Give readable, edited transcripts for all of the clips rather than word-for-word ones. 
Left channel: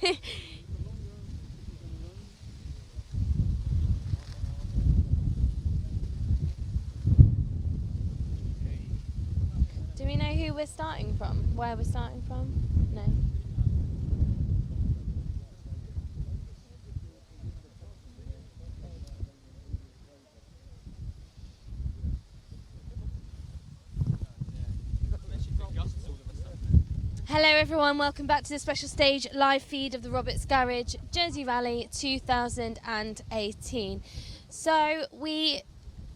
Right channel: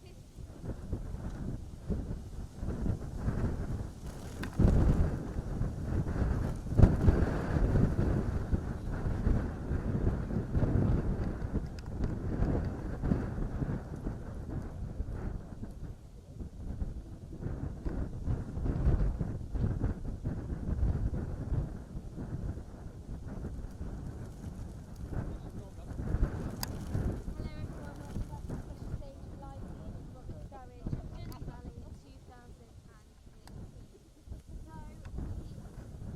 Do we know who we're starting from? Where we're starting from? No. Hello everyone, welcome back to the special stage live feed of the Roberts Garage Jersey Rally 2018. So we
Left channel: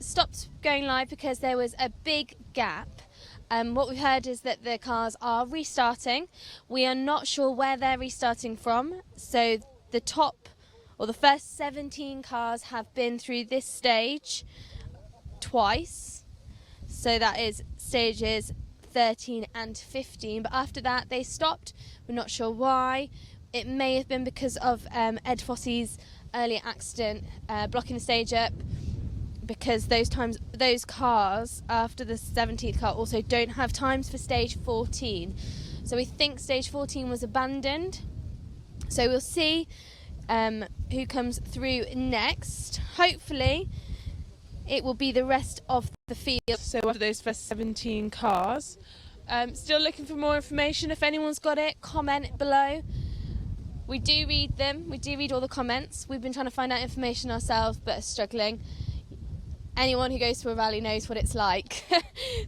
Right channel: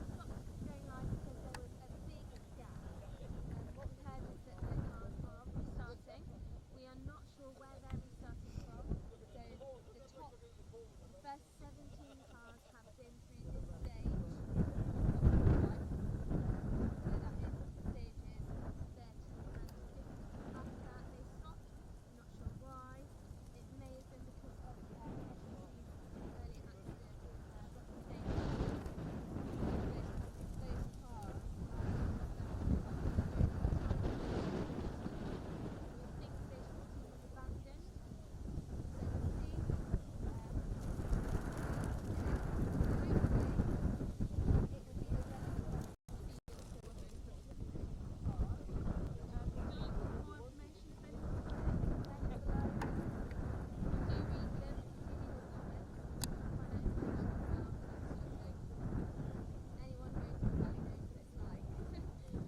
stopped going live because there was a big gap. What we've heard is that the cars are restarting. We are not sure where they're restarting from. So the top or the first 17 cars have been through this stage twice. So that is stages 13 and 15, but after that they stopped. We're not sure why. It may have been because of Ed Fossey's earlier accident blocking the stage up, because those cars after the 17th car also don't have times for stage 14, so we think stage 14 was abandoned. So we'll see who comes through next. Hopefully it will be the rest of the field. So after those first 17 cars, still looking for more information. If anyone's got it, comment below. We do read them. We do read all the comments. We've been trying to find out information ourselves, but are struggling. Anyone who goes to a rally knows what it's like.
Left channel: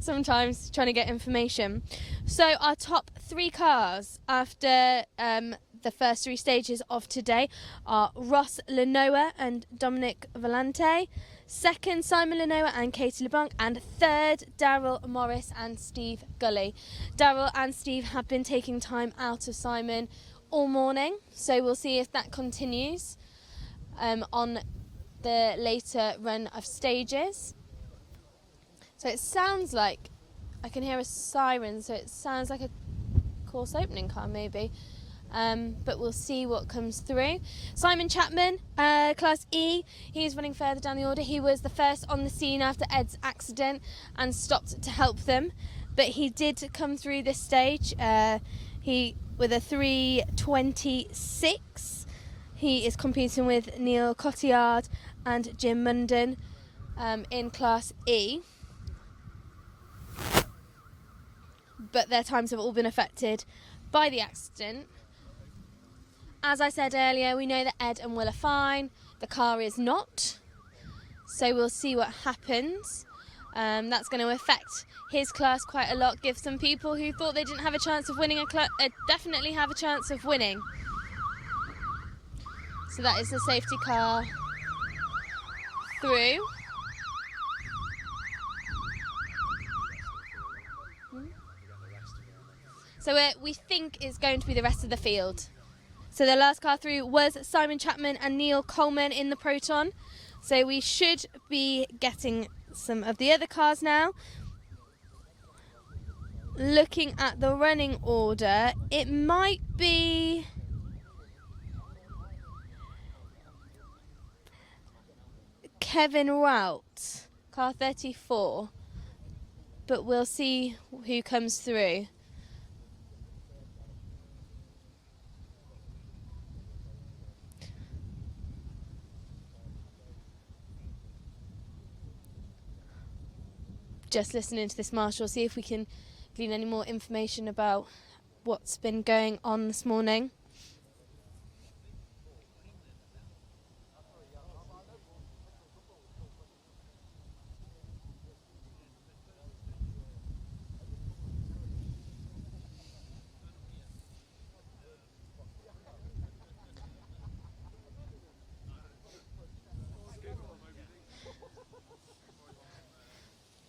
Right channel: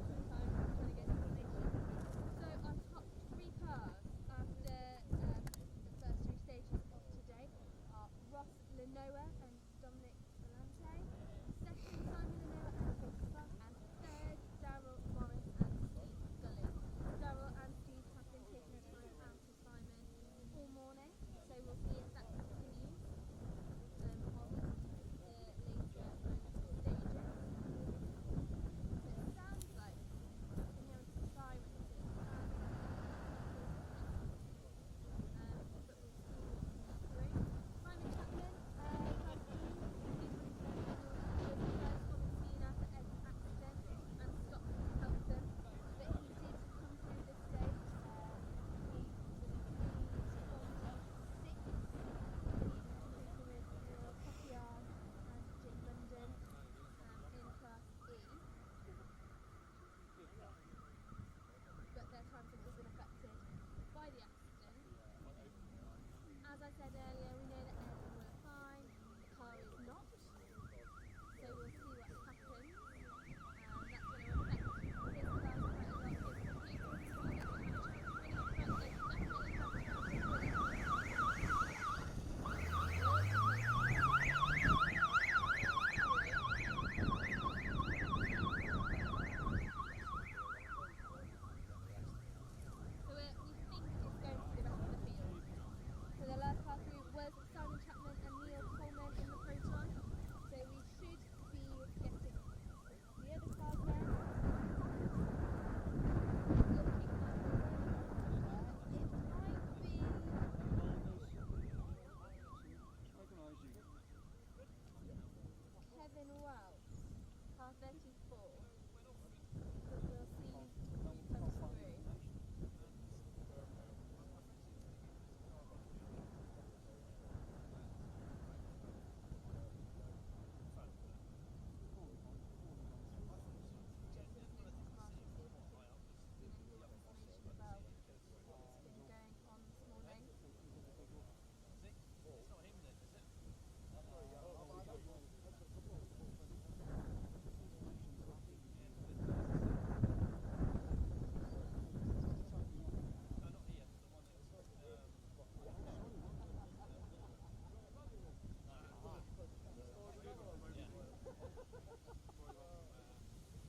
Sometimes trying to get information. So our top 3 cars after the first 3 stages of today are Ross Lenoir and Dominic Volante. Second, Simon Lenoir and Katie LeBlanc. And third, Daryl Morris and Steve Gully. Daryl and Steve have been taking time out of Simon all morning, so we'll see if that continues on the later run of stages. So it sounds like I can hear a siren, so it sounds like a course opening car maybe. But we'll see what comes through. Simon Chapman, Class E, he's running further down the order. He was the first on the scene after Ed's accident and stopped to help them. But he did come through this stage. He with a 3:26. He is competing with Neil Cotillard and Jim Munden in Class E. But their times have all been affected by the accident. As I said earlier, we know that Ed and Will are fine. The car is not. So we'll see what happens. That's going to affect his class quite a lot. Give some people who thought they didn't have a chance of winning definitely have a chance of winning. So that is the safety car through. So we think it's going to be the rest of the field. So the last car through was Simon Chapman and Neil Coleman in the Proton. So we should be getting some of the other cars now. Looking at the running order, it might be Kevin Rout, car 34. But we'll see who comes through. Just listening to this marshal, see if we can glean any more information about what's been going on this morning.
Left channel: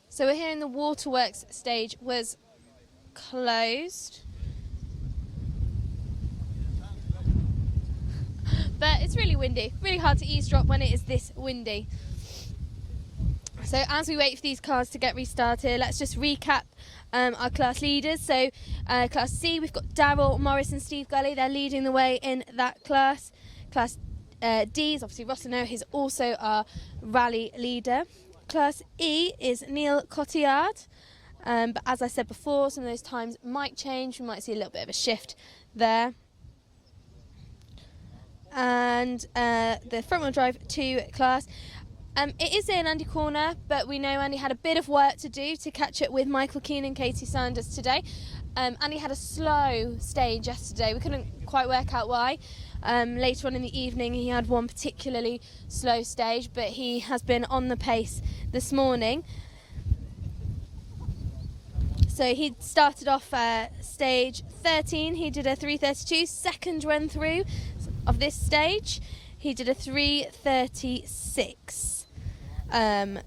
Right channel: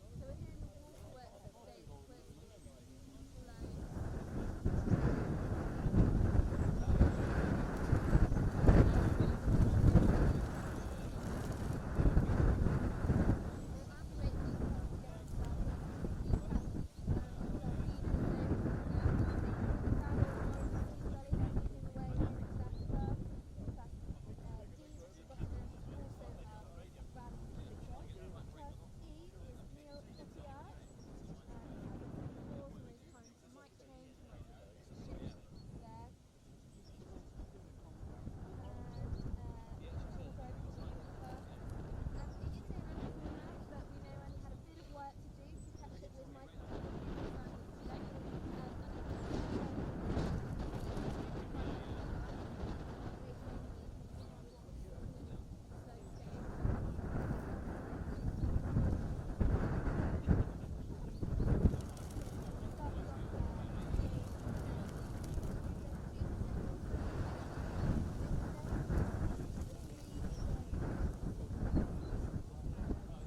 So we're hearing the waterworks stage was closed. But it's really windy, really hard to eavesdrop when it is this windy. So as we wait for these cars to get restarted, let's just recap our class leaders. So Class C, we've got Daryl Morris and Steve Gully. They're leading the way in that class. Class D is obviously Ross Lenoir, who's also our rally leader. Class E is Neil Cotillard, but as I said before, some of those times might change. We might see a little bit of a shift there. and the front wheel drive 2 class. It is in Andy Corner, but we know Andy had a bit of work to do to catch up with Michael Keane and Katie Sanders today. Andy had a slow stage yesterday. We couldn't quite work out why. Later on in the evening he had one particularly slow stage, but he has been on the pace this morning. So he started off stage 13, he did a 3:32, second run through of this stage he did a 3:36.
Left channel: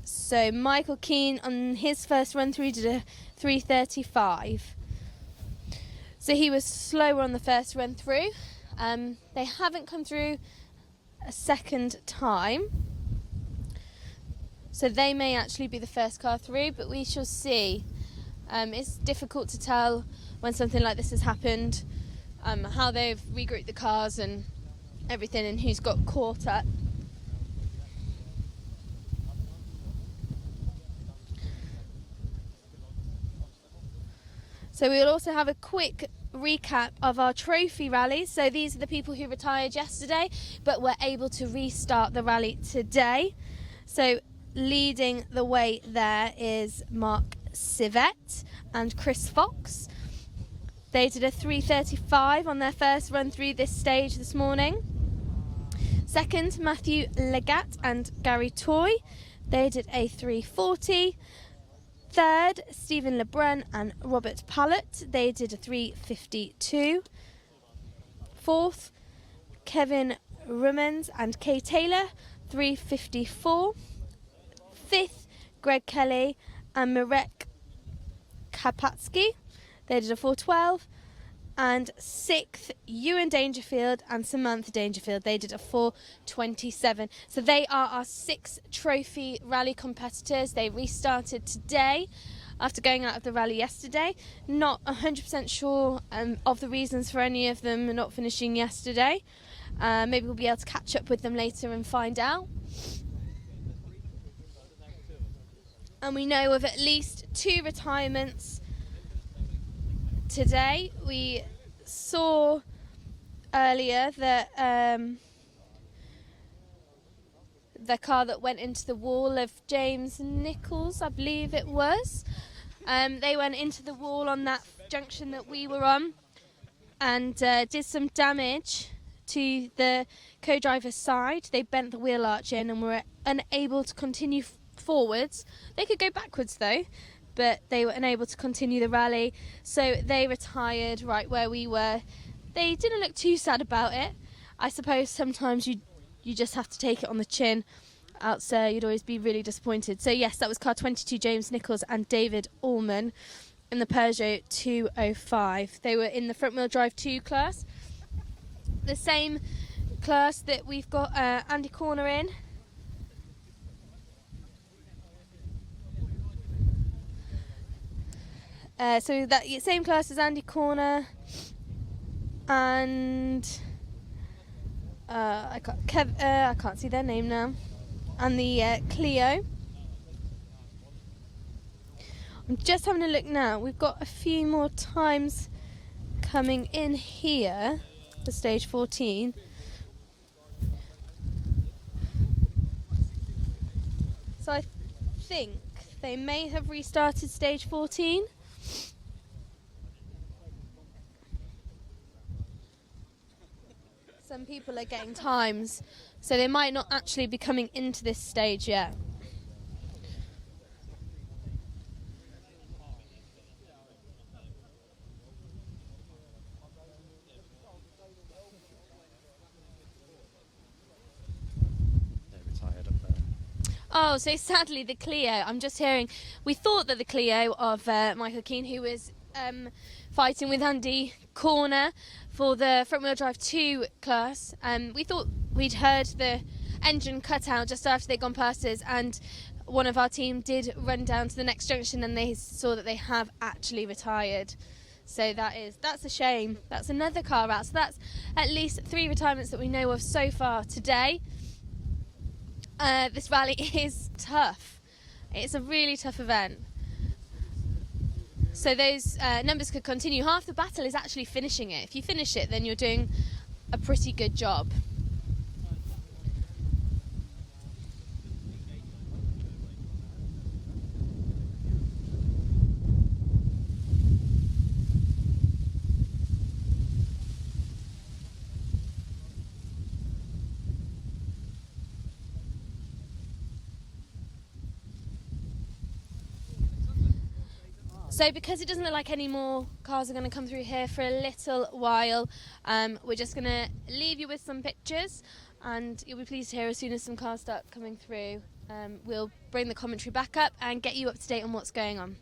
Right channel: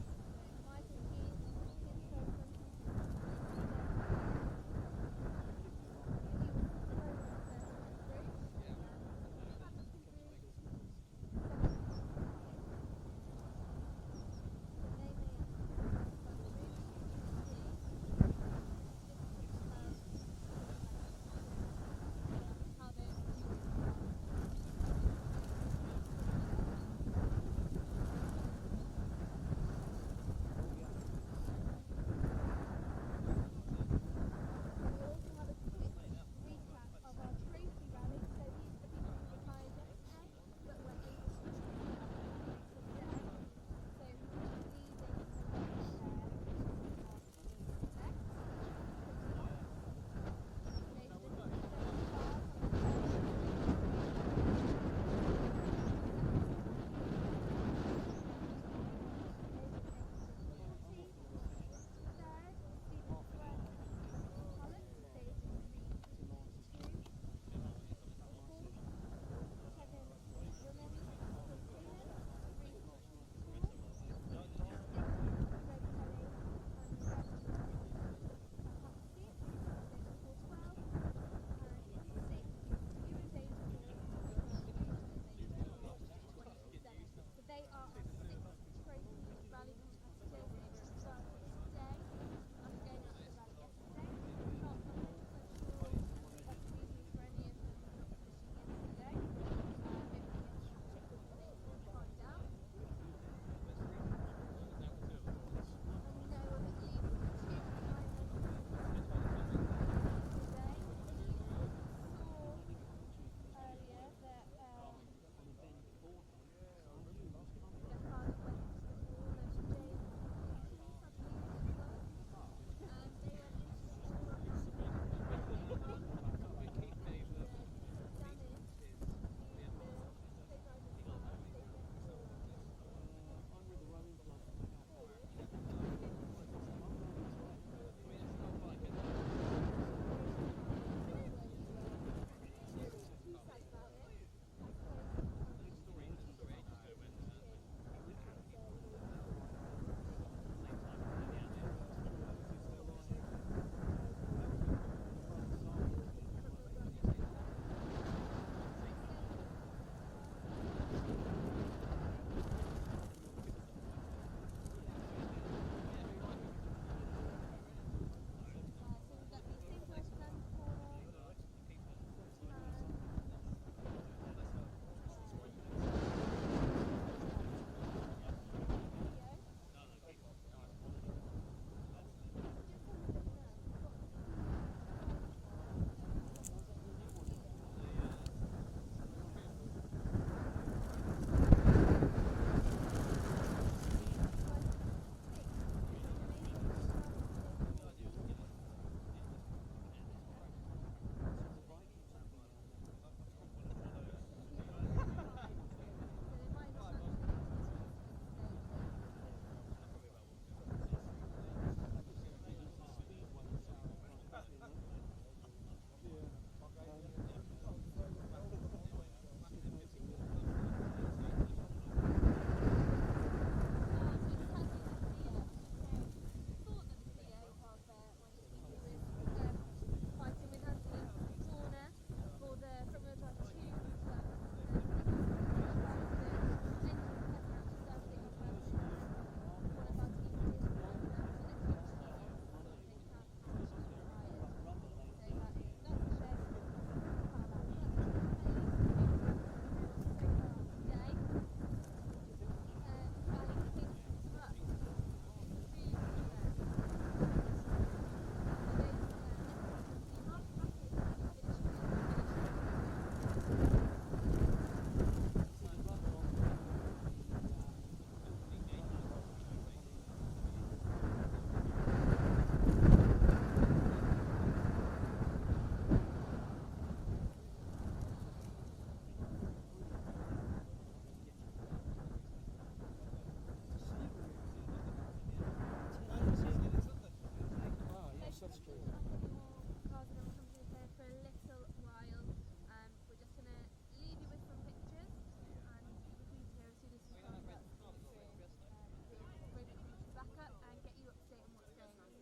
So Michael Keane on his first run through did a 3:35. So he was slower on the first run through. They haven't come through a second time, so they may actually be the first car through, but we shall see. It's difficult to tell when something like this has happened, how they've regrouped the cars and everything, and who's got caught up. So we'll also have a quick recap of our trophy rally. So these are the people who retired yesterday but were able to restart the rally today. So leading the way there is Mark Civet and Chris Fox. They did a 3:35 on their first run through this stage this morning. Second, Matthew Legat and Gary Toy. They did a 3:40. Third, Stephen Lebrun and Robert Pallett. They did a 3:52. Fourth, Kevin Rummans and Kay Taylor, 3:54. Fifth, Greg Kelly and Marek Kapatsky. They did a 4:12. And sixth, Ewan Dangerfield and Samantha Dangerfield. They did a 4:27. So they are our 6 trophy rally competitors. They restarted today after going out of the rally yesterday. Not 100% sure of the reasons for any of them not finishing yesterday. Maybe we'll be able to catch up with them later and find out. And we know of at least 2 retirements today. We saw earlier that the car that went into the wall of James Nichols, I believe it was, they went into the wall on that junction that we were on and did some damage to the co-driver's side. They bent the wheel arch in and were unable to continue forwards. They could go backwards though, but they were unable to continue the rally, so they retired right where we were. They didn't look too sad about it. I suppose sometimes you just have to take it on the chin, else you'd always be really disappointed. So yes, that was car 22, James Nichols and David Allman in the Peugeot 205. They were in the front wheel drive 2 class, the same class that we've got Andy Corner in. So that same class as Andy Corner and I can't see their name now, and the Clio. I'm just having a look now. We've got a few more times coming in here for stage 14. So I think they may have restarted stage 14. Some people are getting times, so they might not actually be coming into this stage yet. Oh, so sadly the Clio, I'm just hearing, we thought that the Clio of Michael Keane, who was fighting with Andy Corner for the front wheel drive 2 class, we thought we'd heard the engine cut out just after they'd gone past us, and one of our team did run down to the next junction and they saw that they have actually retired. So that's a shame. That's another car out. So that's at least 3 retirements that we know of so far today. This rally is tough. It's a really tough event. So those numbers could continue. Half the battle is actually finishing it. If you finish it, then you're doing a pretty good job. So because it doesn't look like any more cars are going to come through here for a little while, we're just going to leave you with some pictures, and you'll be pleased to hear as soon as some cars start coming through, we'll bring the commentary back up and get you up to date on what's going on.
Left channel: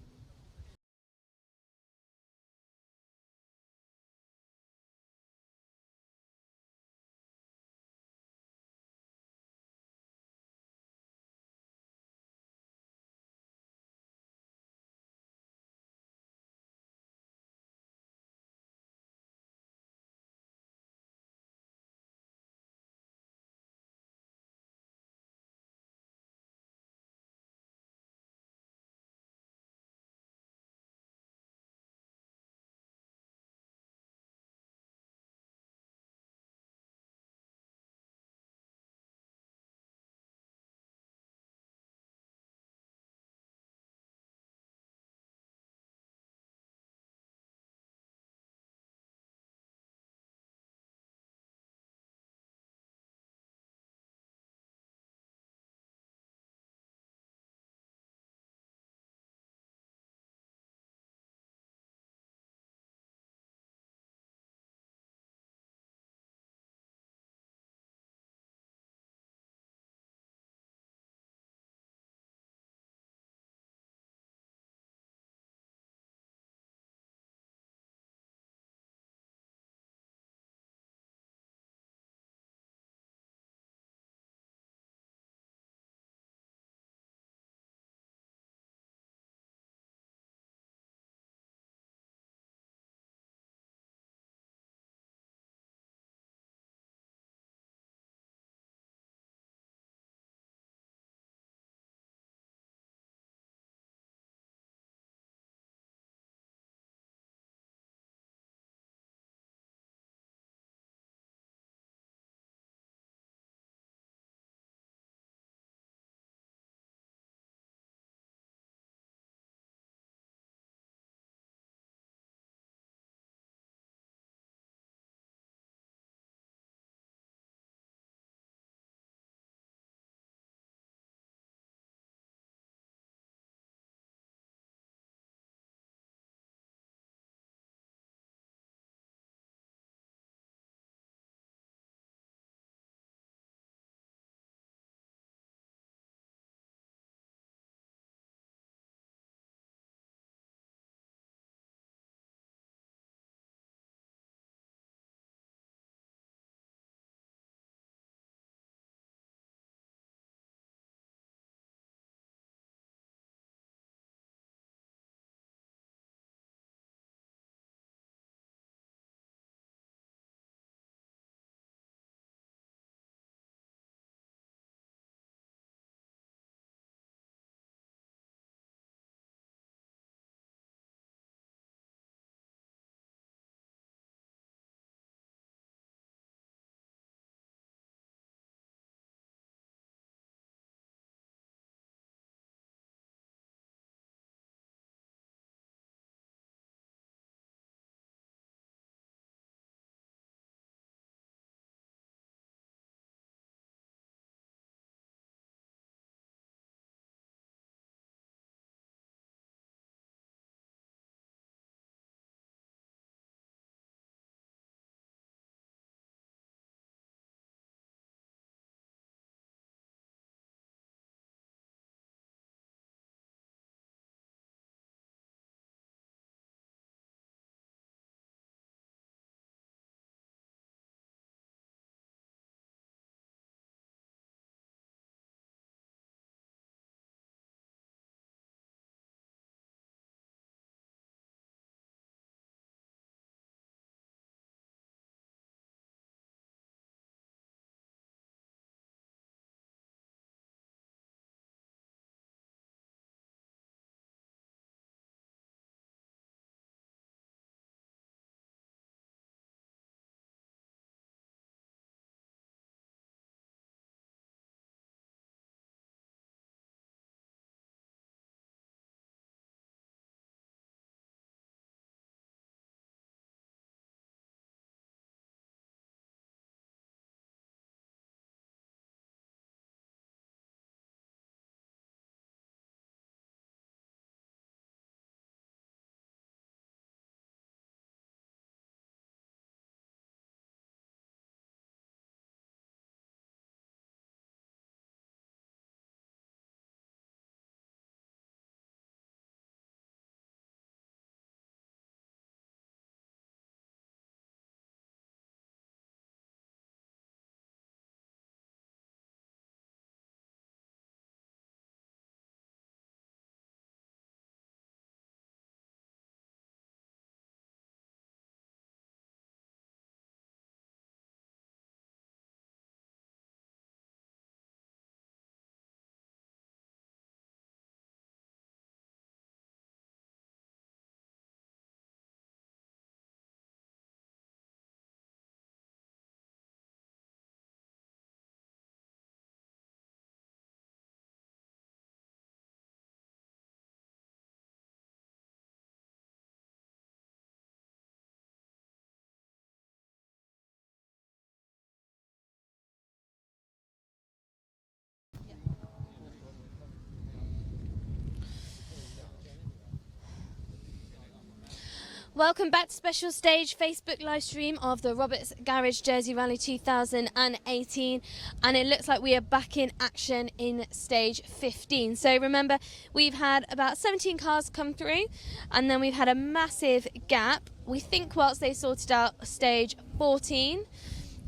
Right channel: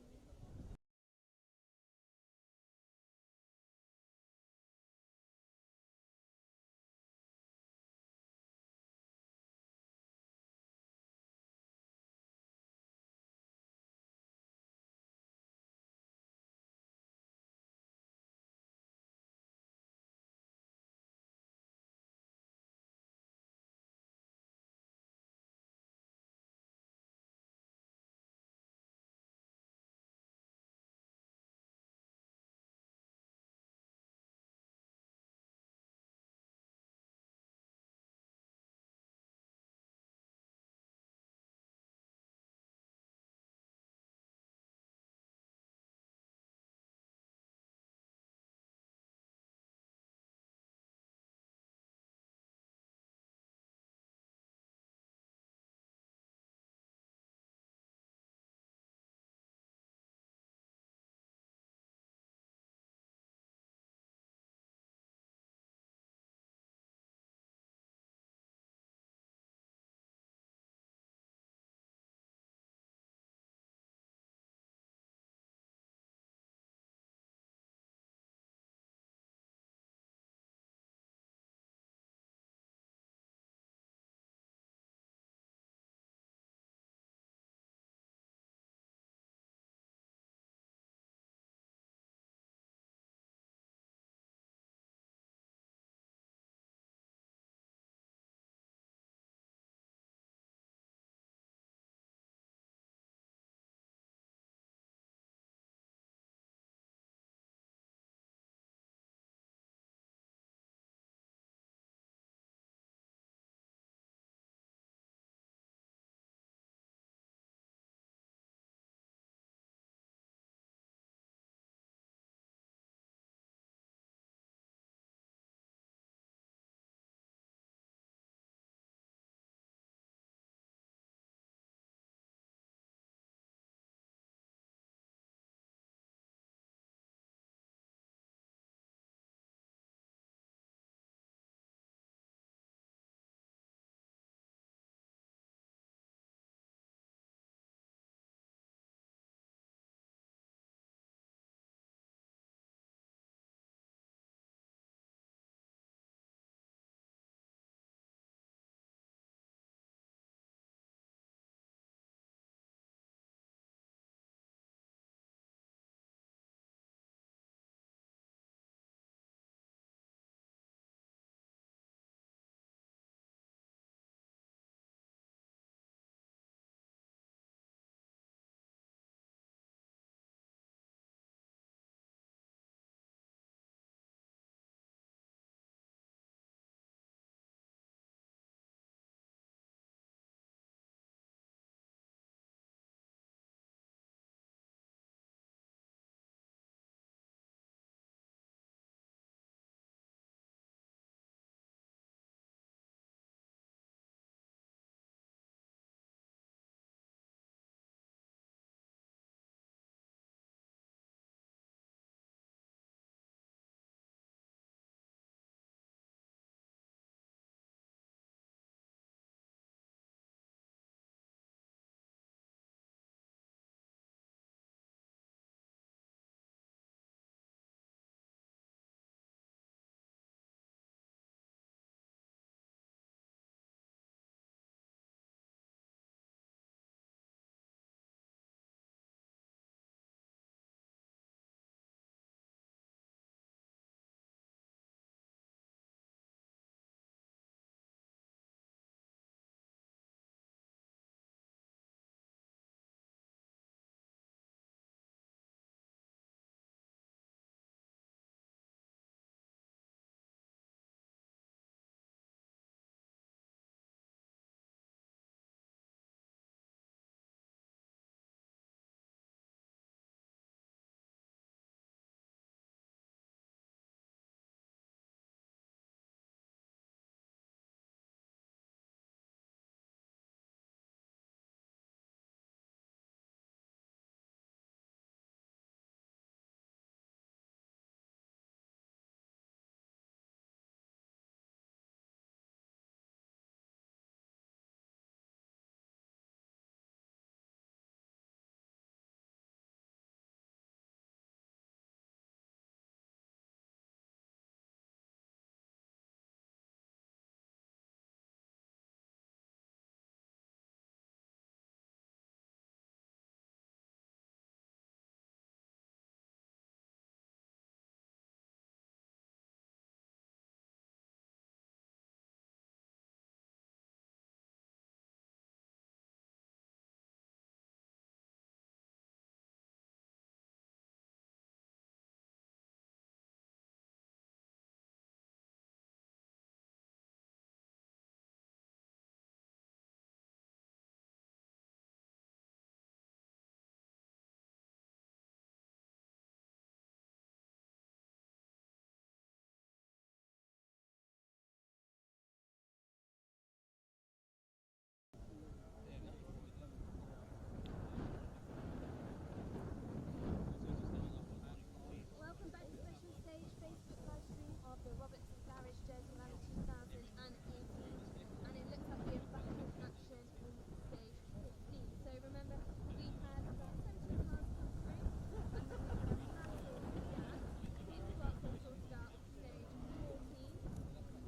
Welcome back to Special Stage Facebook live stream of the Roberts Garage Jersey Rally 2018, and it looks like we are back in action in stage 15. So remember, we've had about 17 cars come through, and then we've had a massive gap, we think, whilst they sorted out stage 14,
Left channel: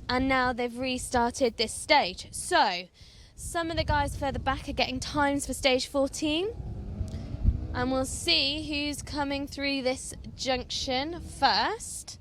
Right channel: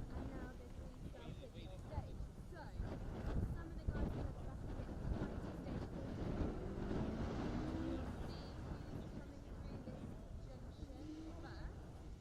and now they've restarted this stage. So some of the guys further back are getting times for stage 14, and we'll see who's coming through this junction first.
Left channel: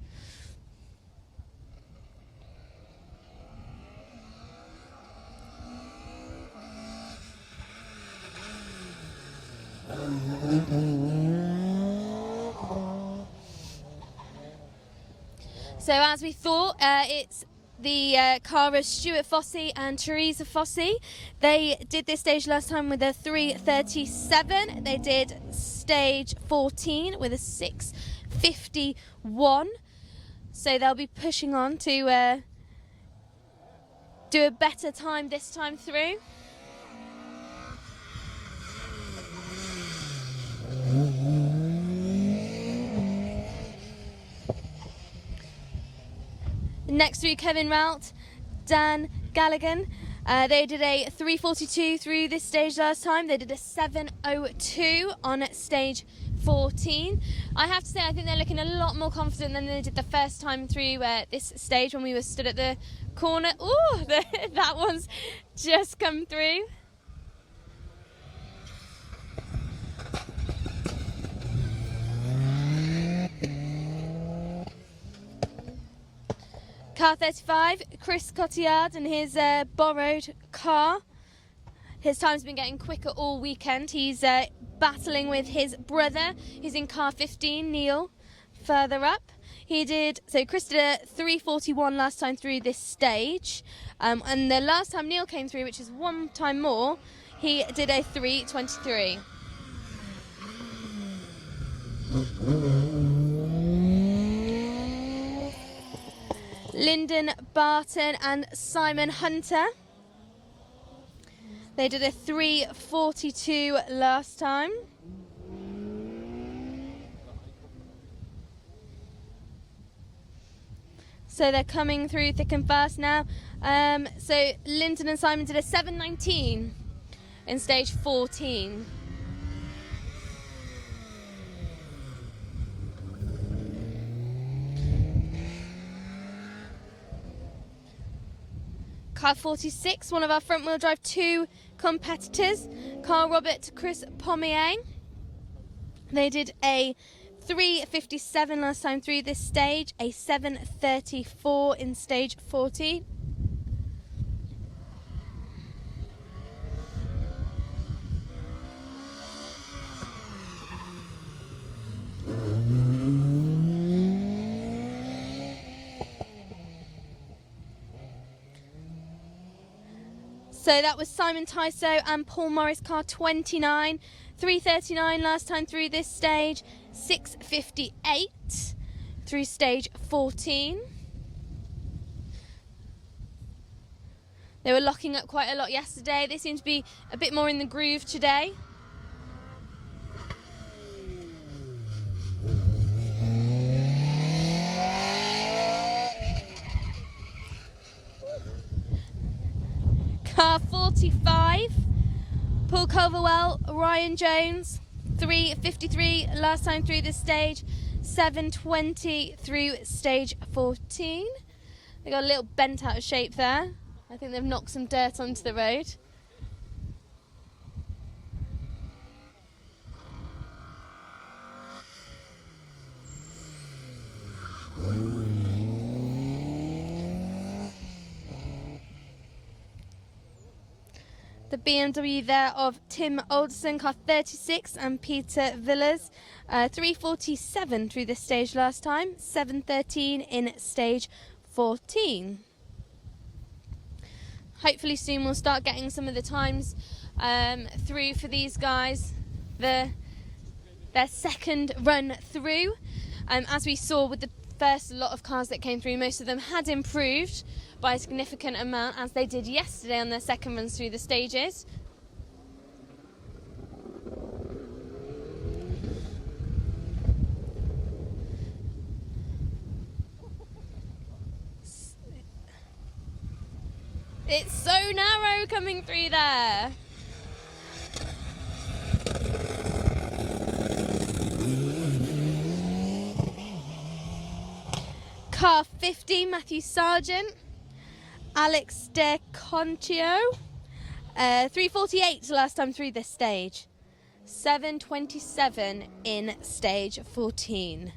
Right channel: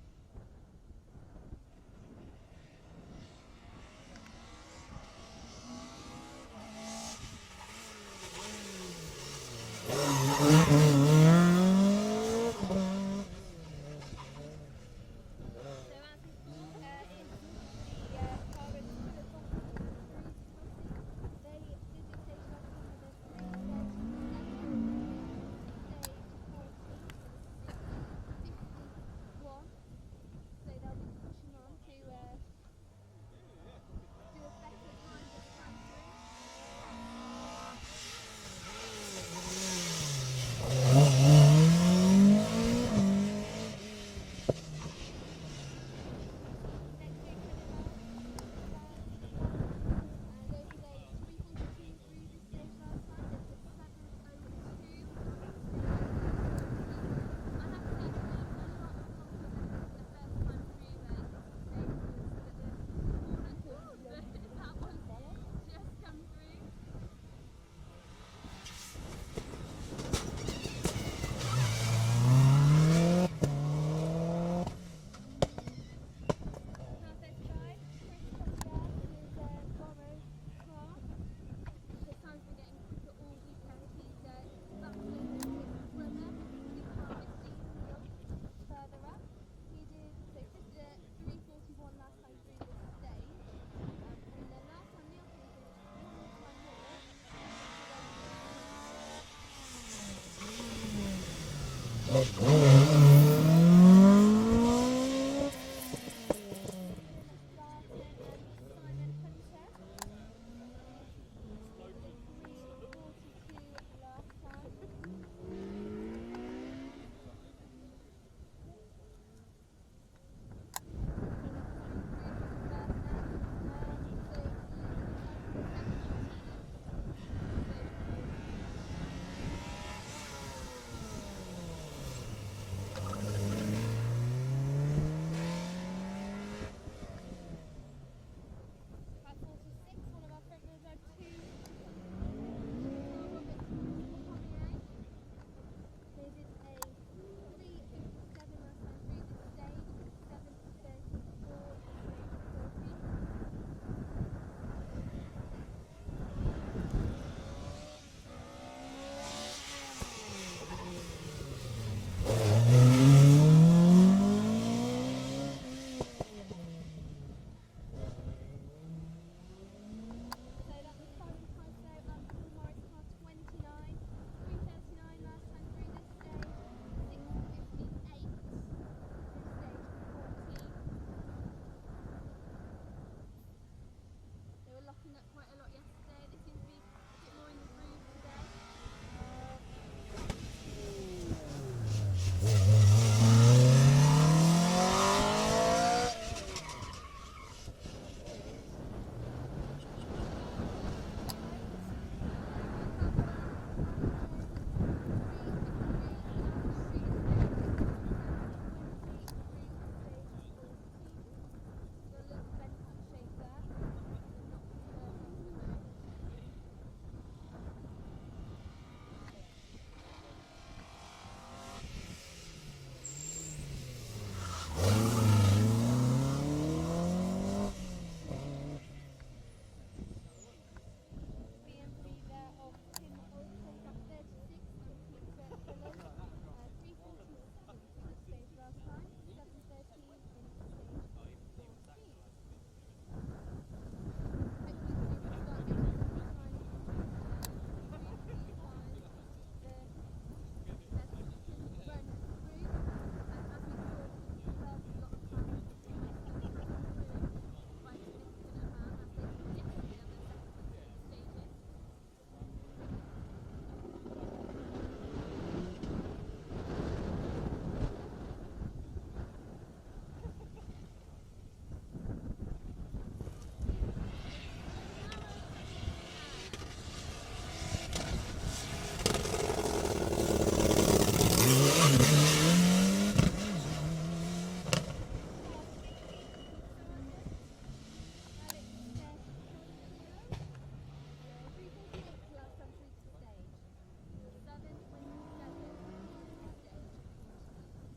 So as we thought, it's the car of Stuart Fossey and Teresa Fossey. They did this stage last time with a 3:37. They did stage 14 with a 6:51. So they'll be pushing on to do a better time this time through. Next through, Kevin Rout, Dan Galligan. They did a 3:42 through this stage last time. They did a 7:02 on stage 14. I have to say, I think they're looking a lot more confident than they did the first time through this stage when we were stood at the corner. Ooh, that one's just come through. Car 35, Chris Cotillard and his borrowed car. His time's been getting quicker all weekend. He's battling with his brother, who's in car 15, Neil, further up. Chris did a 3:41 last time through this stage. And the last time Neil came through, which is one time more, he did a 3:23. Lyndon Barton and Simon Hunter. They did a 3:42 last time. So they're coming through thick and fast now. So Lyndon and Simon did a 7:19 in stage 14. Car 46, one of our front wheel drive 2 competitors, Carl Robert, Chris Pommier. They did a 3:57 last time through this stage, a 7:34 in stage 40. So that was Simon Tyso and Paul Morris, car 29, 3:39 last time through this stage, 6:58 through stage 14. They were locking up quite a lot yesterday. They seem to be a bit more in the groove today. Car 45, Paul Culverwell, Ryan Jones, 3:53 last time through this stage, 7:20 through stage 14. They got a little bent out of shape there. I think they've knocked some dirt onto the road. The BMW there of Tim Alderson, car 36, and Peter Villas. 3:47 through this stage last time, 7:13 in stage 14. Hopefully soon we'll start getting some of the times through for these guys, their second run through. As we saw with the first lot of cars that came through, most of them had improved by a significant amount, as they did yesterday on their second runs through the stages. It's so narrow coming through there. Car 50, Matthew Sargent. Alex De Contio. 3:48 last time through this stage. 7:27 in stage 14.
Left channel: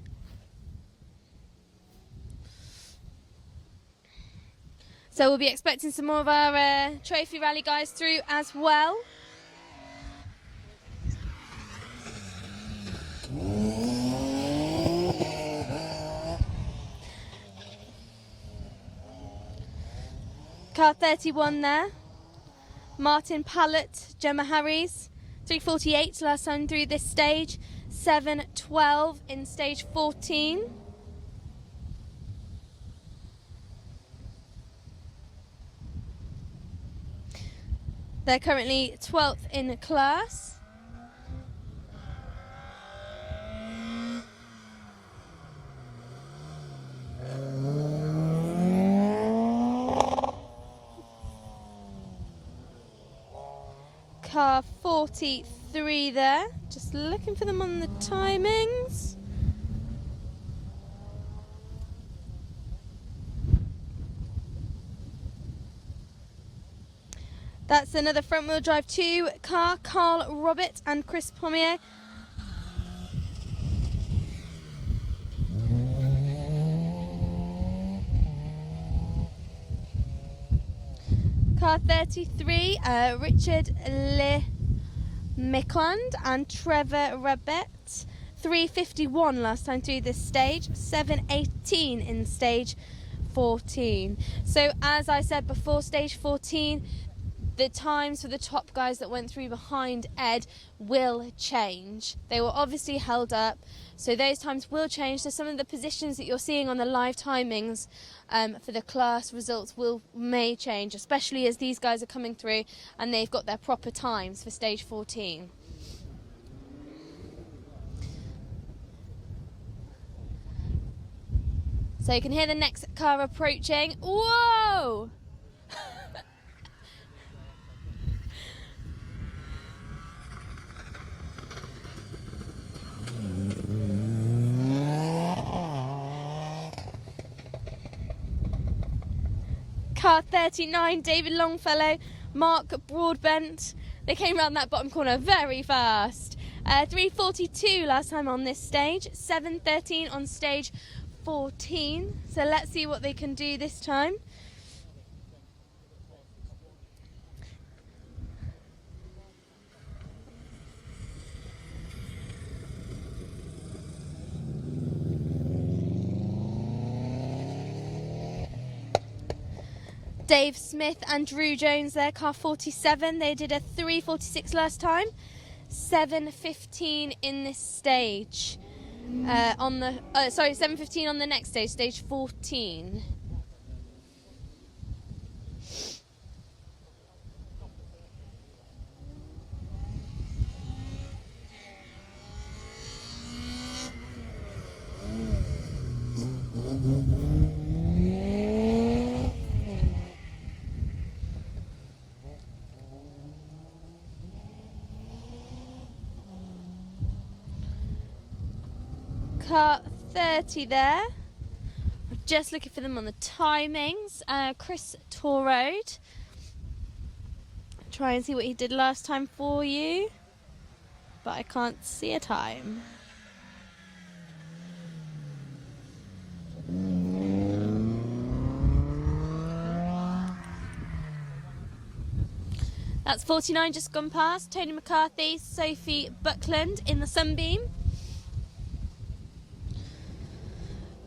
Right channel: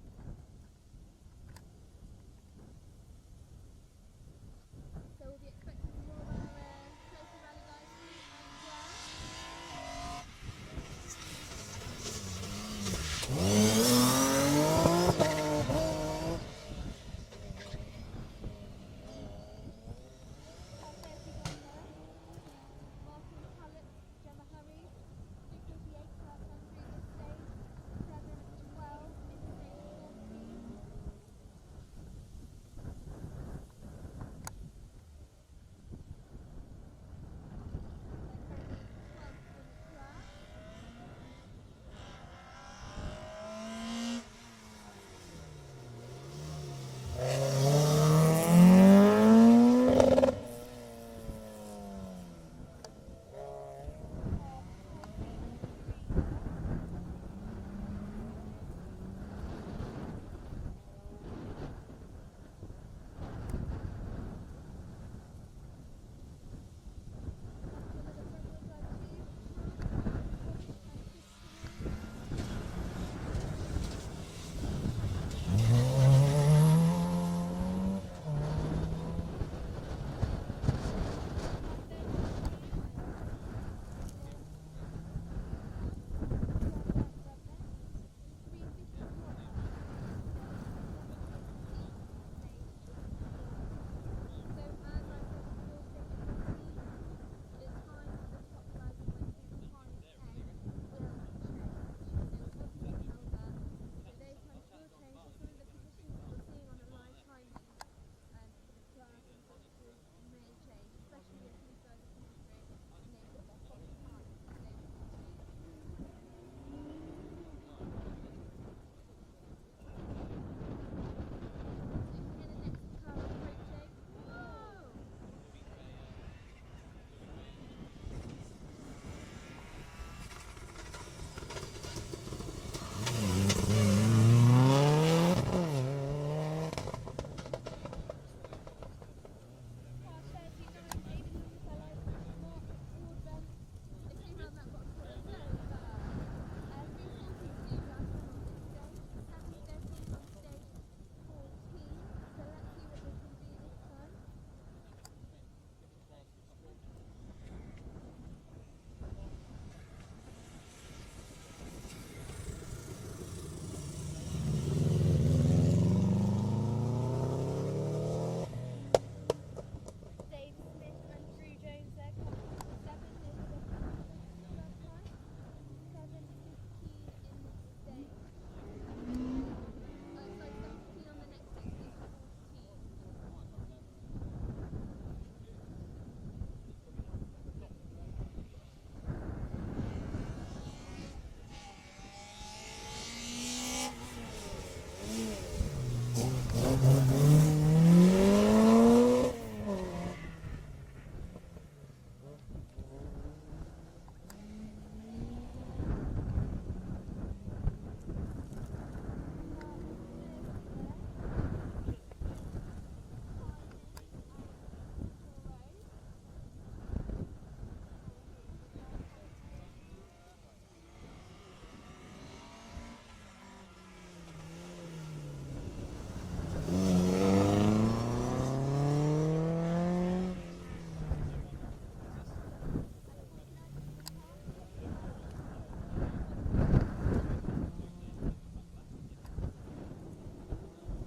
So we'll be expecting some more of our trophy rally guys through as well. Car 31 there. Martin Pallett, Gemma Harries. 3:48 last time through this stage. 7:12 in stage 14. They're currently 12th in class. Car 43 there. Just looking for them on the timings. That's another front-wheel drive 2 car, Carl Robert and Chris Pommier. Car 33, Richard Le Micond and Trevor Rabet. 3:51 last time through this stage, 7:18 in stage 14. So as I said before, stage 14, the times for the top guys that went through behind Ed will change. They were obviously held up, so those times will change. So some of the positions that you're seeing on the live timings for the class results may change, especially as these guys are coming through and they've got their proper times for stage 14. So you can hear the next car approaching. Whoa! Car 39, David Longfellow, Mark Broadbent. They came around that bottom corner very fast. 3:42 last time on this stage, 7:13 on stage 14. So let's see what they can do this time. Dave Smith and Drew Jones there, car 47. They did a 3:46 last time. 7:15 in this stage. 7:15 on the next stage, stage 14. Car 30 there. Just looking for them on the timings. Chris Torrode. Try and see what he did last time for you, but I can't see a time. That's 49 just gone past. Tony McCarthy, Sophie Buckland in the Sunbeam.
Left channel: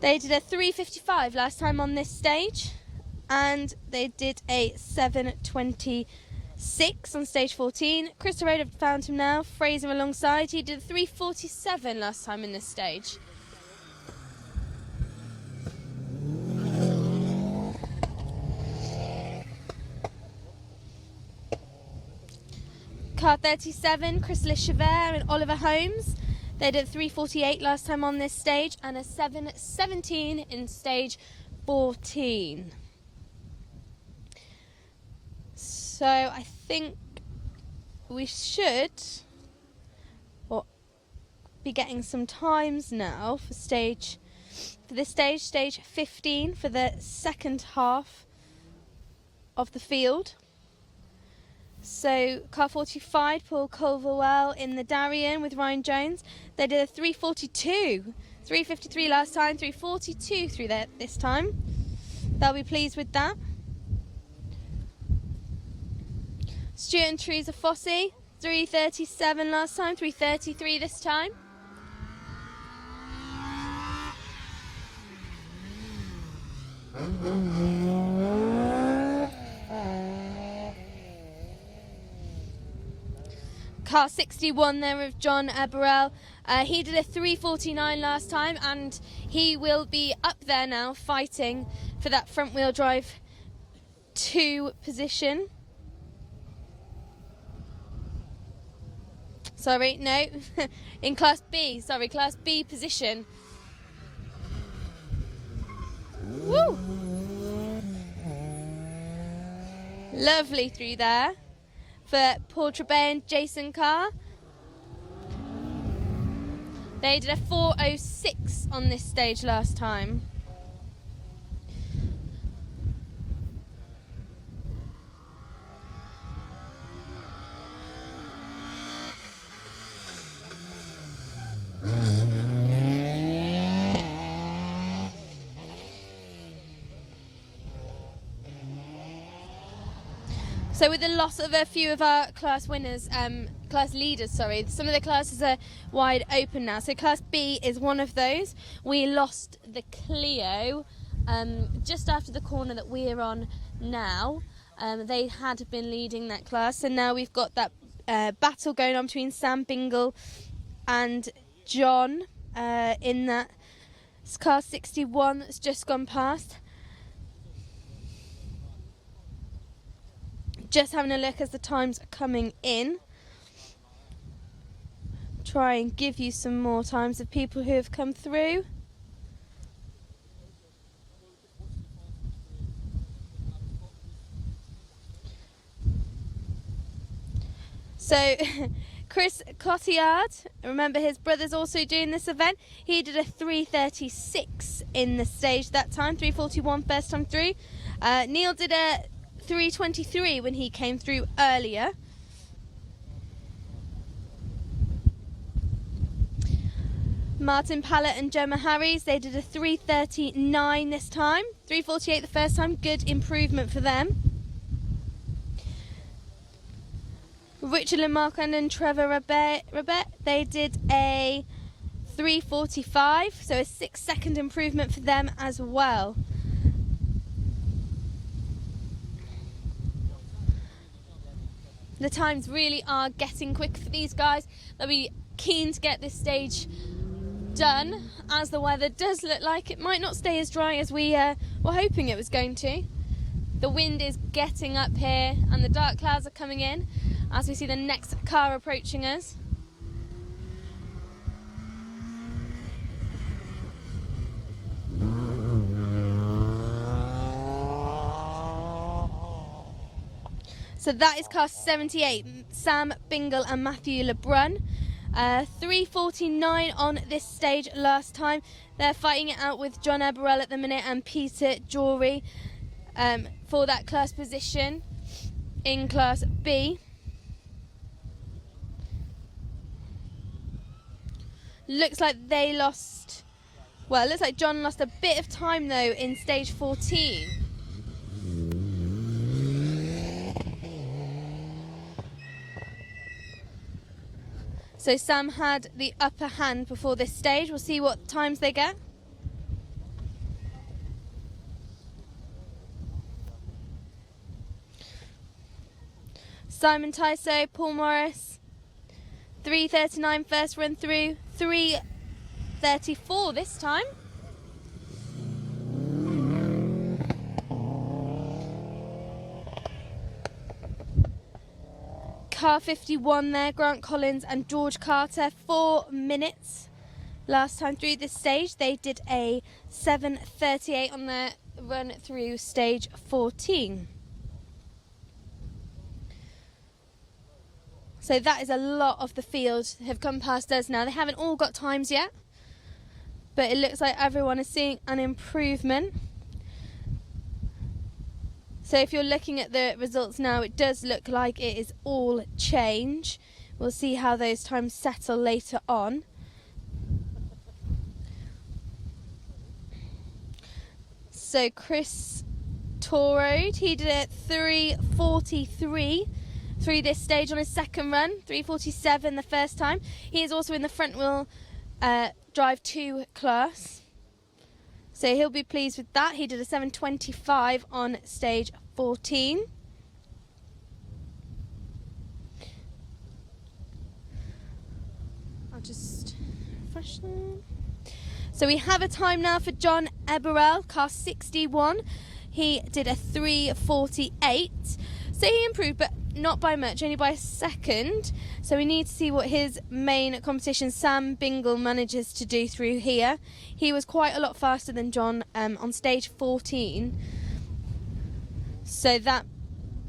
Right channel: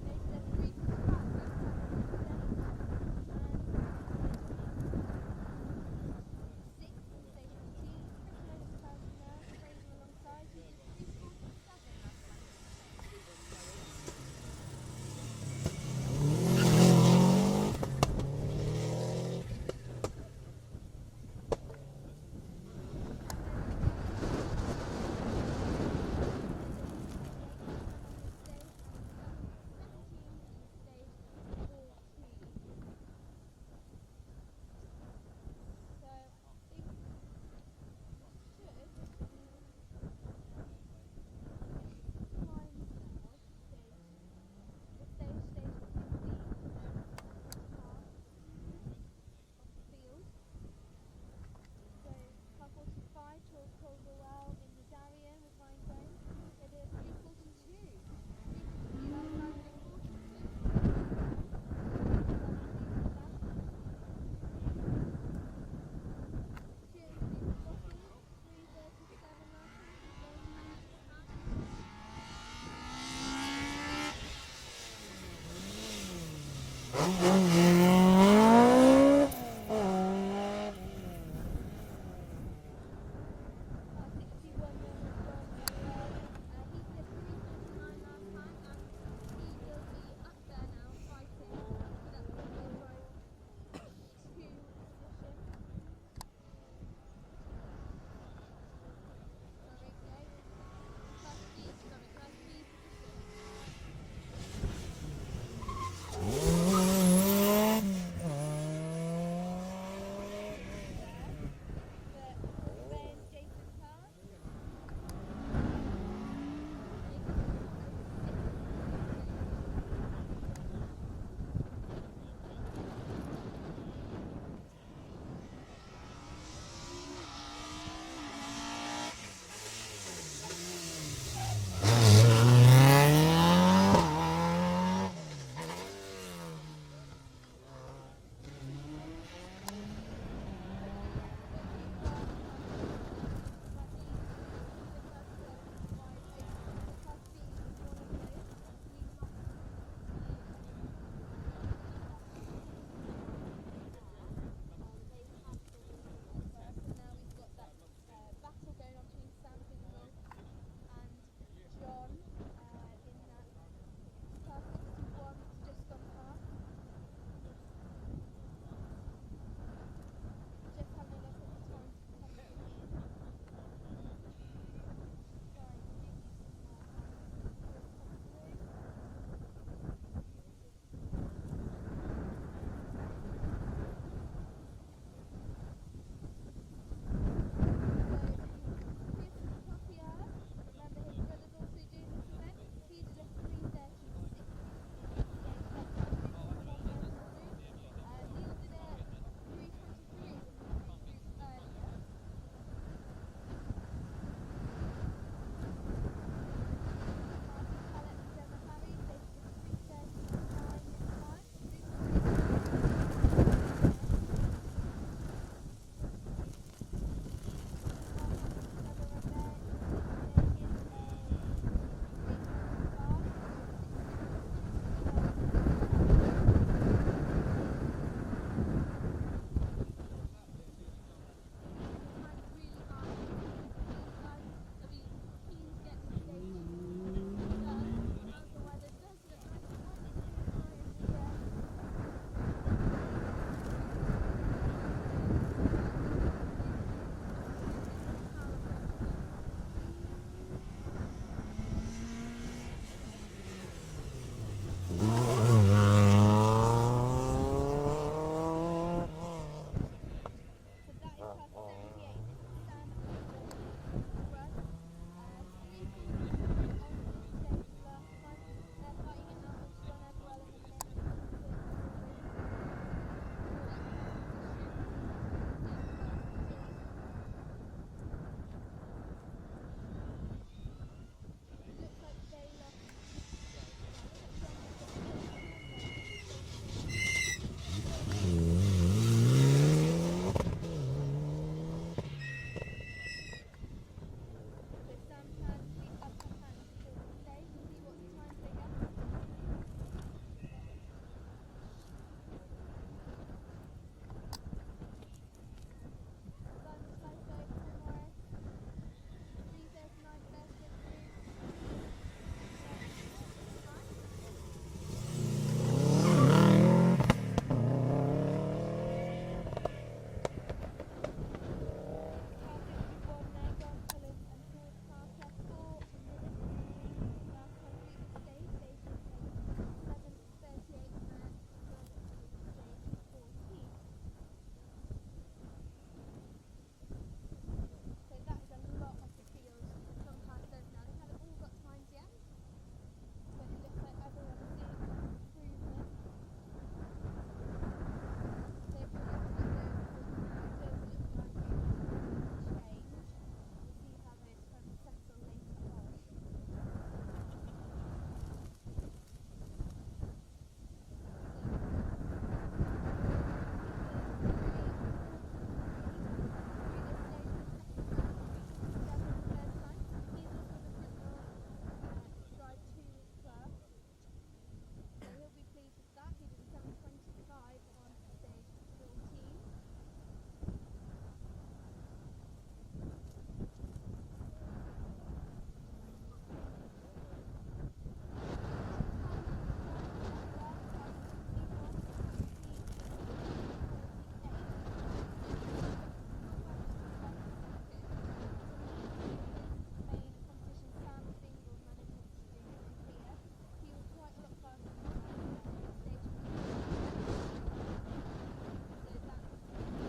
They did a 3:55 last time on this stage, and they did a 7:26 on stage 14. Chris Road have found him now. Fraser alongside. He did a 3:47 last time in this stage. Car 37, Chris Lechever and Oliver Holmes. They did 3:48 last time on this stage and a 7:17 in stage 14. So I think we should be getting some times now for stage 15 for the second half of the field. So car 45, Paul Culverwell in the Darien with Ryan Jones. They did a 3:42, 3:53 last time, 3:42 through there this time. They'll be pleased with that. Stuart and Teresa Fossey, 3:37 last time, 3:33 this time. Car 61 there with John Eberell. He did a 3:49 last time, and he will be up there now fighting for that front wheel drive 2 position. Sorry, no, in Class B, Class B position. Woo! Lovely through there for Paul Trebay and Jason Carr. They did a 4:06 on this stage last time. So with the loss of a few of our class winners, class leaders, some of the classes are wide open now. So Class B is one of those. We lost the Clio just after the corner that we're on now. They had been leading that class, and now we've got that battle going on between Sam Bingle and John in that car 61 that's just gone past. Just having a look as the times are coming in. Try and give you some more times of people who have come through. So Chris Cotillard, remember his brother's also doing this event. He did a 3:36 in the stage that time, 3:41 first time through. Neil did a 3:23 when he came through earlier. Martin Pallett and Gemma Harries, they did a 3:39 this time, 3:48 the first time, good improvement for them. Richard Lemarquand and Trevor Rabet, they did a 3:45, so a 6-second improvement for them as well. The times really are getting quick for these guys. They'll be keen to get this stage done, as the weather does look like it might not stay as dry as we were hoping it was going to. The wind is getting up here and the dark clouds are coming in as we see the next car approaching us. So that is car 78, Sam Bingle and Matthew Lebrun. 3:49 on this stage last time. They're fighting it out with John Eberell at the minute and Peter Jory for that class position in Class B. Looks like they lost, well, it looks like John lost a bit of time though in stage 14. So Sam had the upper hand before this stage. We'll see what times they get. Simon Tyso, Paul Morris, 3:39 first run through, 3:34 this time. Car 51 there, Grant Collins and George Carter, 4 minutes last time through this stage. They did a 7:38 on their run through stage 14. So that is a lot of the field have come past us now. They haven't all got times yet, but it looks like everyone is seeing an improvement. So if you're looking at the results now, it does look like it is all change. We'll see how those times settle later on. So Chris Torode, he did it 3:43 through this stage on his second run, 3:47 the first time. He is also in the front wheel drive 2 class, so he'll be pleased with that. He did a 7:25 on stage 14. I'll just refresh them. So we have a time now for John Eberell, car 61. He did a 3:48, so he improved, but not by much, only by a second. So we need to see what his main competition, Sam Bingle, manages to do through here. He was quite a lot faster than John on stage 14, so that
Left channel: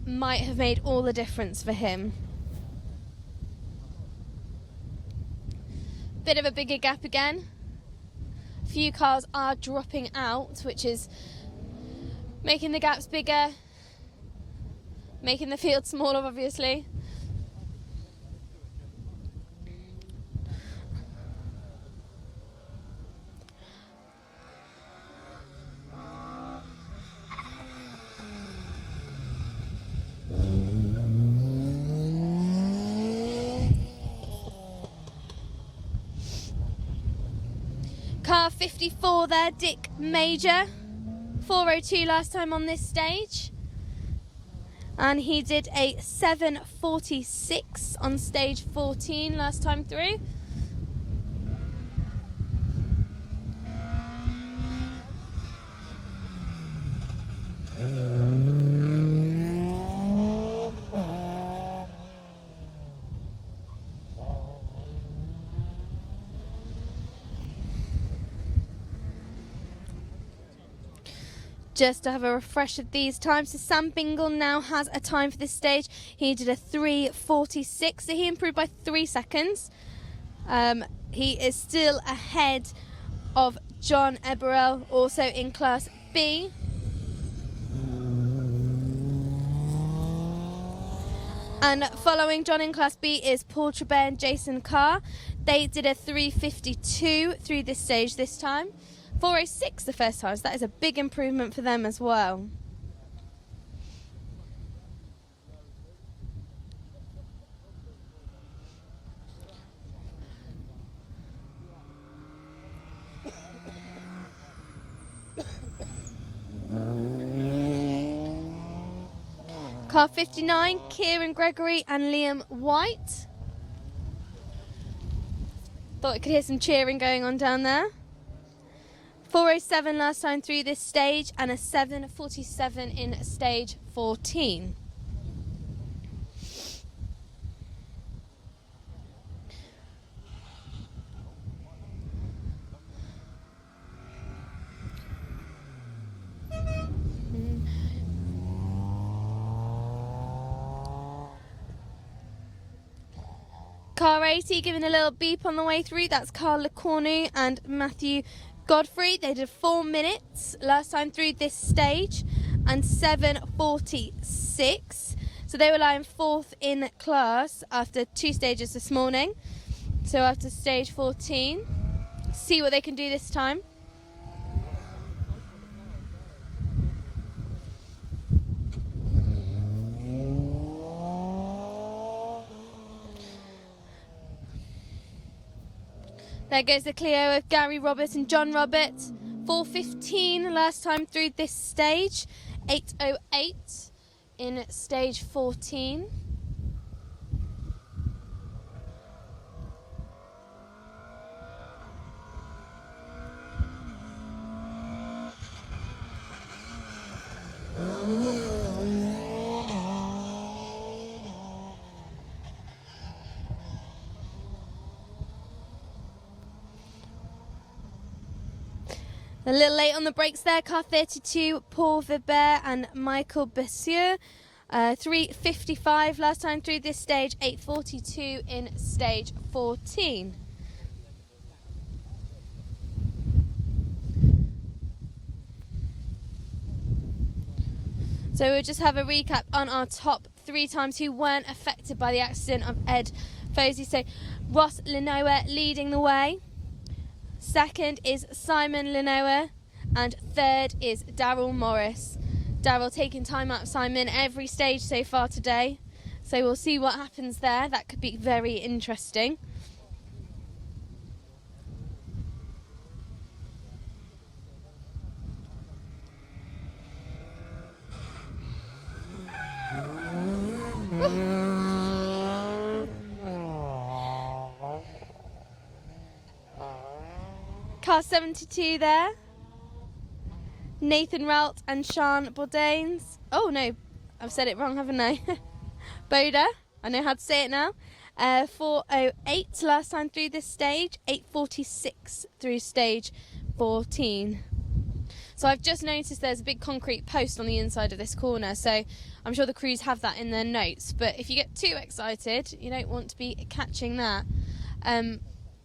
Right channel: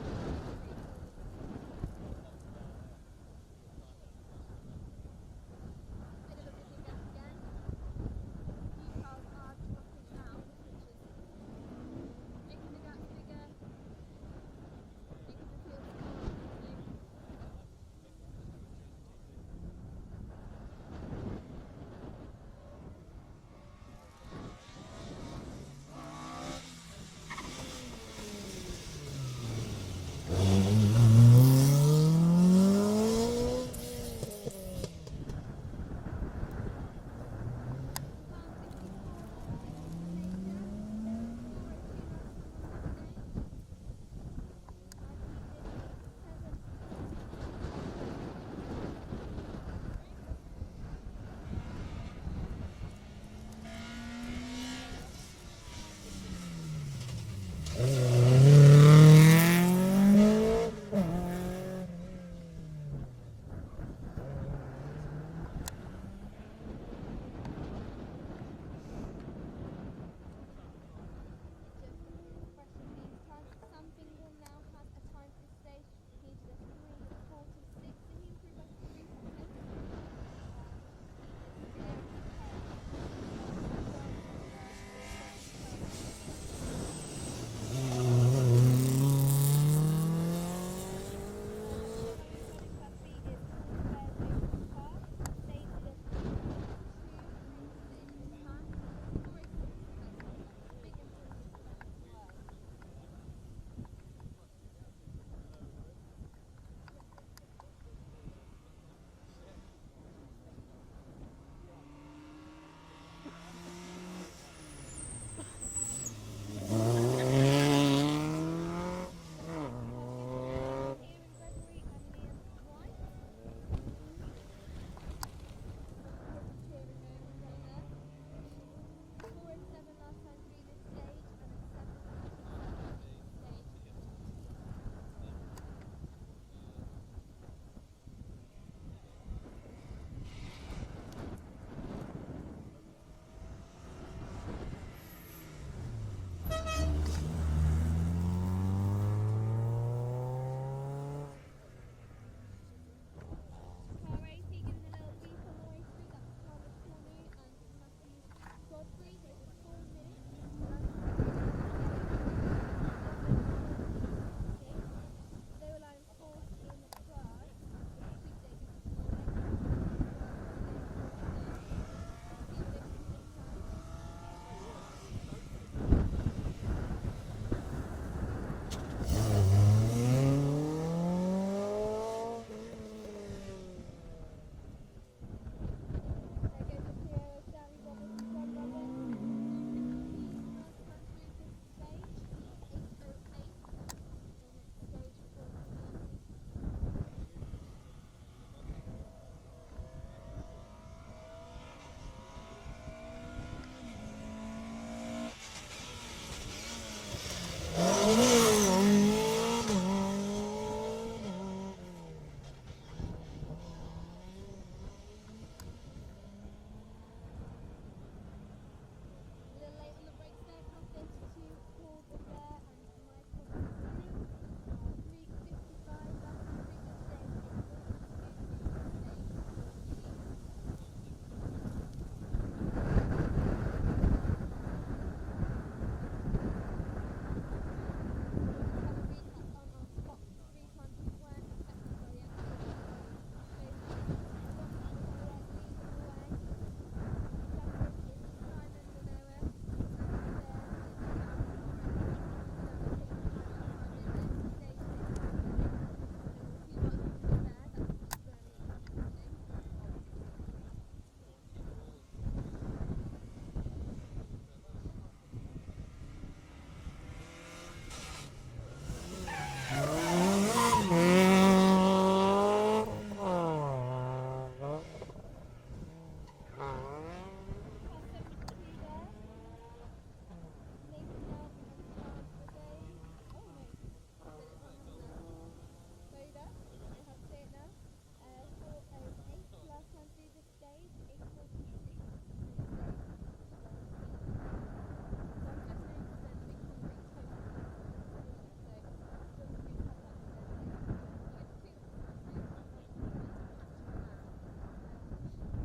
might have made all the difference for him. Bit of a bigger gap again. Few cars are dropping out, which is making the gaps bigger, making the field smaller, obviously. Car 54 there, Dick Major, 4:02 last time on this stage, and he did a 7:46 on stage 14 last time through. Just to have a refresh of these times, so Sam Bingle now has a time for this stage. He did a 3:46, so he improved by 3 seconds. He is still ahead of John Eberell, also in Class B. And following John in Class B is Paul Trabert and Jason Carr. They did a 3:52 through this stage this time. 4:06 the first time, so that is a big improvement for them as well. Car 59, Kieran Gregory and Liam White. Thought I could hear some cheering going on down there. 4:07 last time through this stage and a 7:47 in stage 14. Car 80 giving a little beep on the way through. That's Carl Lecornu and Matthew Godfrey. They did 4 minutes last time through this stage and 7:46. So they were lying 4th in class after 2 stages this morning. So after stage 14, see what they can do this time. There goes the Clio of Gary Roberts and John Roberts. 4:15 last time through this stage. 8:08 in stage 14. A little late on the brakes there, car 32, Paul Vibert and Michael Bessieux. 3:55 last time through this stage, 8:42 in stage 14. So we'll just have a recap on our top 3 times who weren't affected by the accident of Ed Fosey. So Ross Lenoir leading the way. Second is Simon Lenoir. And third is Daryl Morris. Daryl taking time out of Simon every stage so far today. So we'll see what happens there. That could be very interesting. Car 72 there. Nathan Ralt and Sean Bourdains. Oh no, I've said it wrong, haven't I? Boda, I know how to say it now. 4:08 last time through this stage, 8:46 through stage 14. So I've just noticed there's a big concrete post on the inside of this corner, so I'm sure the crews have that in their notes. But if you get too excited, you don't want to be catching that.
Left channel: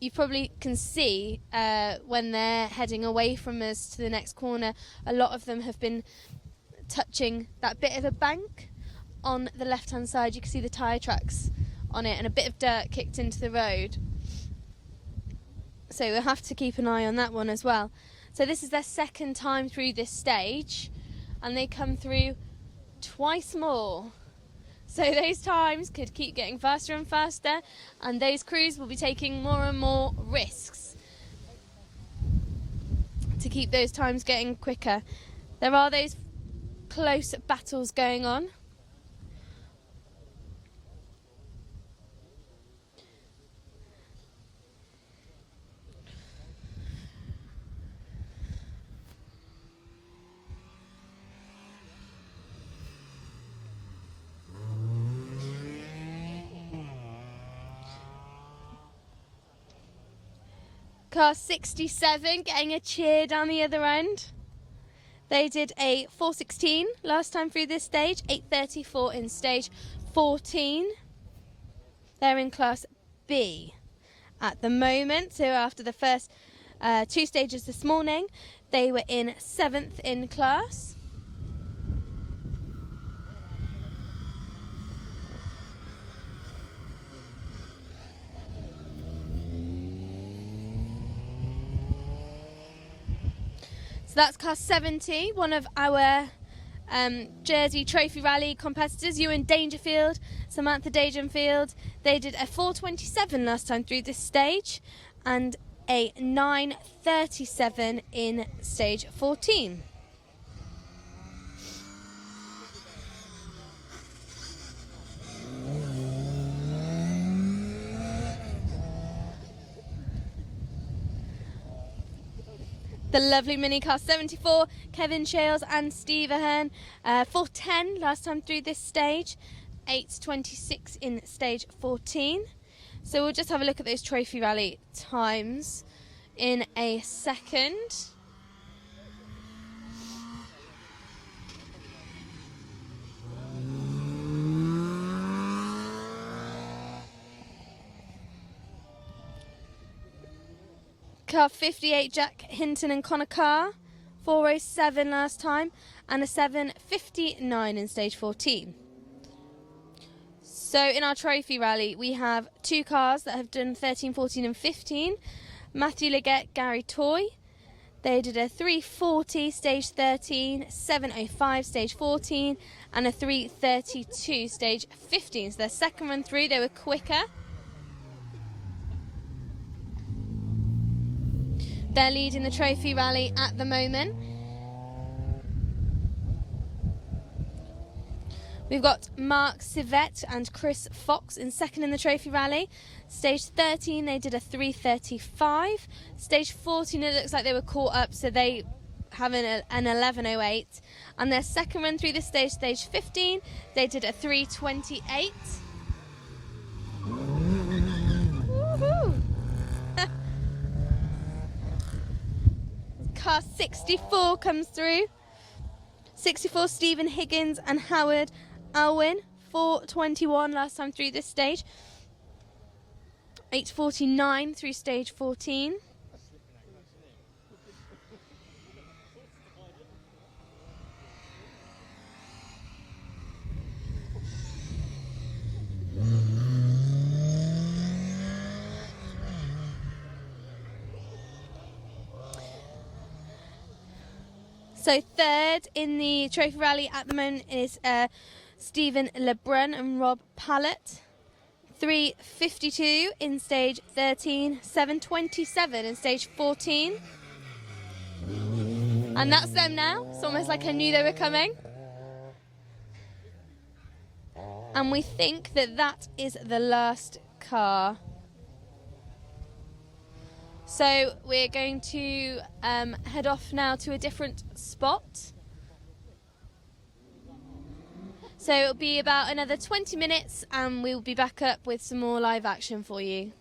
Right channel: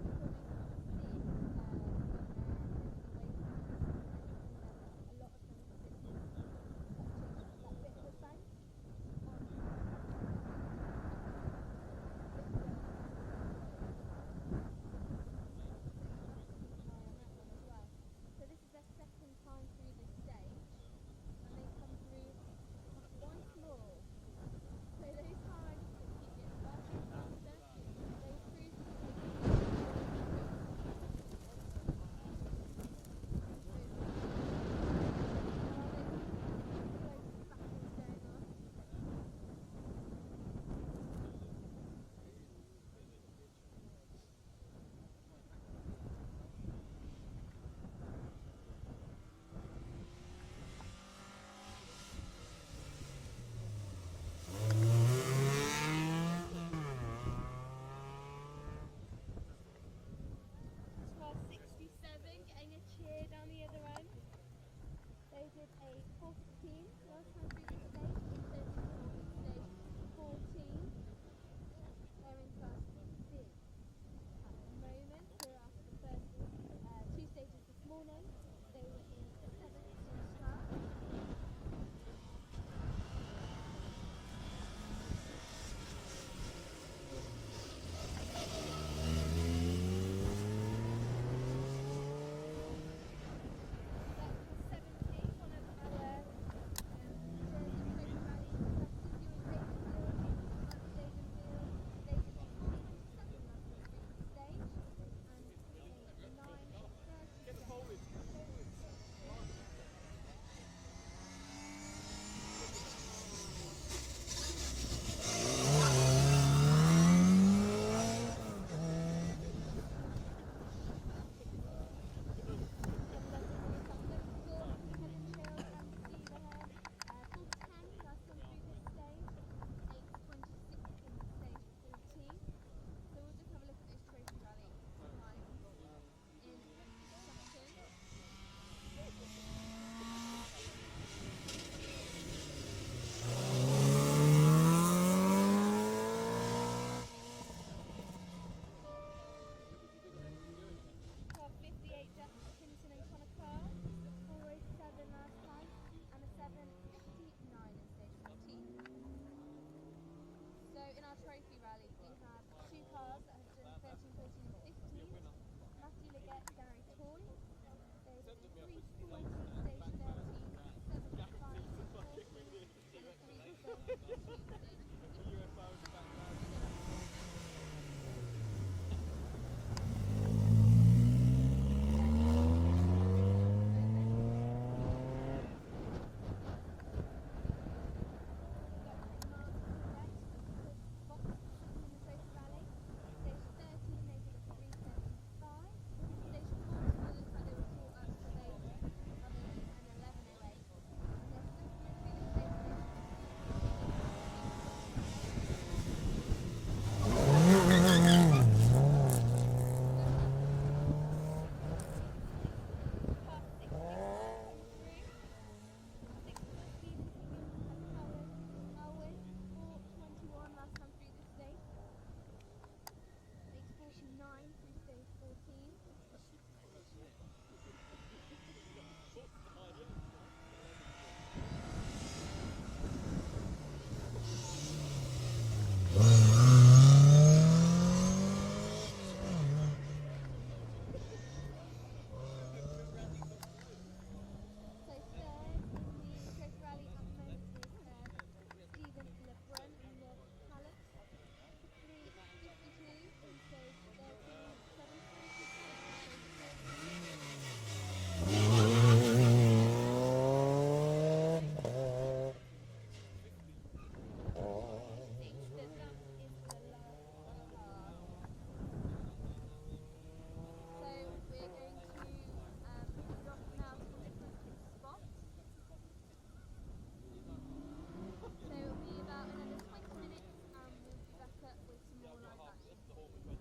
You probably can see when they're heading away from us to the next corner, a lot of them have been touching that bit of a bank on the left hand side. You can see the tyre tracks on it and a bit of dirt kicked into the road. So we'll have to keep an eye on that one as well. So this is their second time through this stage and they come through twice more. So those times could keep getting faster and faster, and those crews will be taking more and more risks to keep those times getting quicker. There are those close battles going on. Car 67 getting a cheer down the other end. They did a 4:16 last time through this stage, 8:34 in stage 14. They're in class B at the moment. So after the first 2 stages this morning, they were in 7th in class. So that's car 70, one of our Jersey Trophy Rally competitors, Ewan Dangerfield, Samantha Dangerfield. They did a 4:27 last time through this stage and a 9:37 in stage 14. The lovely mini car 74, Kevin Shales and Steve Ahern, 4:10 last time through this stage, 8:26 in stage 14. So we'll just have a look at those Trophy Rally times in a second. Car 58, Jack Hinton and Connor Carr, 4:07 last time, and a 7:59 in stage 14. So in our Trophy Rally, we have 2 cars that have done 13, 14 and 15. Matthew Leggett, Gary Toy. They did a 3:40 stage 13, 7:05 stage 14, and a 3:32 stage 15. So their second run through, they were quicker. They're leading the Trophy Rally at the moment. We've got Mark Civette and Chris Fox in second in the Trophy Rally. Stage 13, they did a 3:35. Stage 14, it looks like they were caught up, so they have an 11:08. And their second run through this stage, stage 15, they did a 3:28. Car 64 comes through. 64, Stephen Higgins and Howard Alwyn, 4:21 last time through this stage. 8:49 through stage 14. So third in the Trophy Rally at the moment is Stephen Lebrun and Rob Pallett. 3:52 in stage 13, 7:27 in stage 14. And that's them now. It's almost like I knew they were coming. And we think that that is the last car. So we're going to head off now to a different spot. So it'll be about another 20 minutes and we'll be back up with some more live action for you.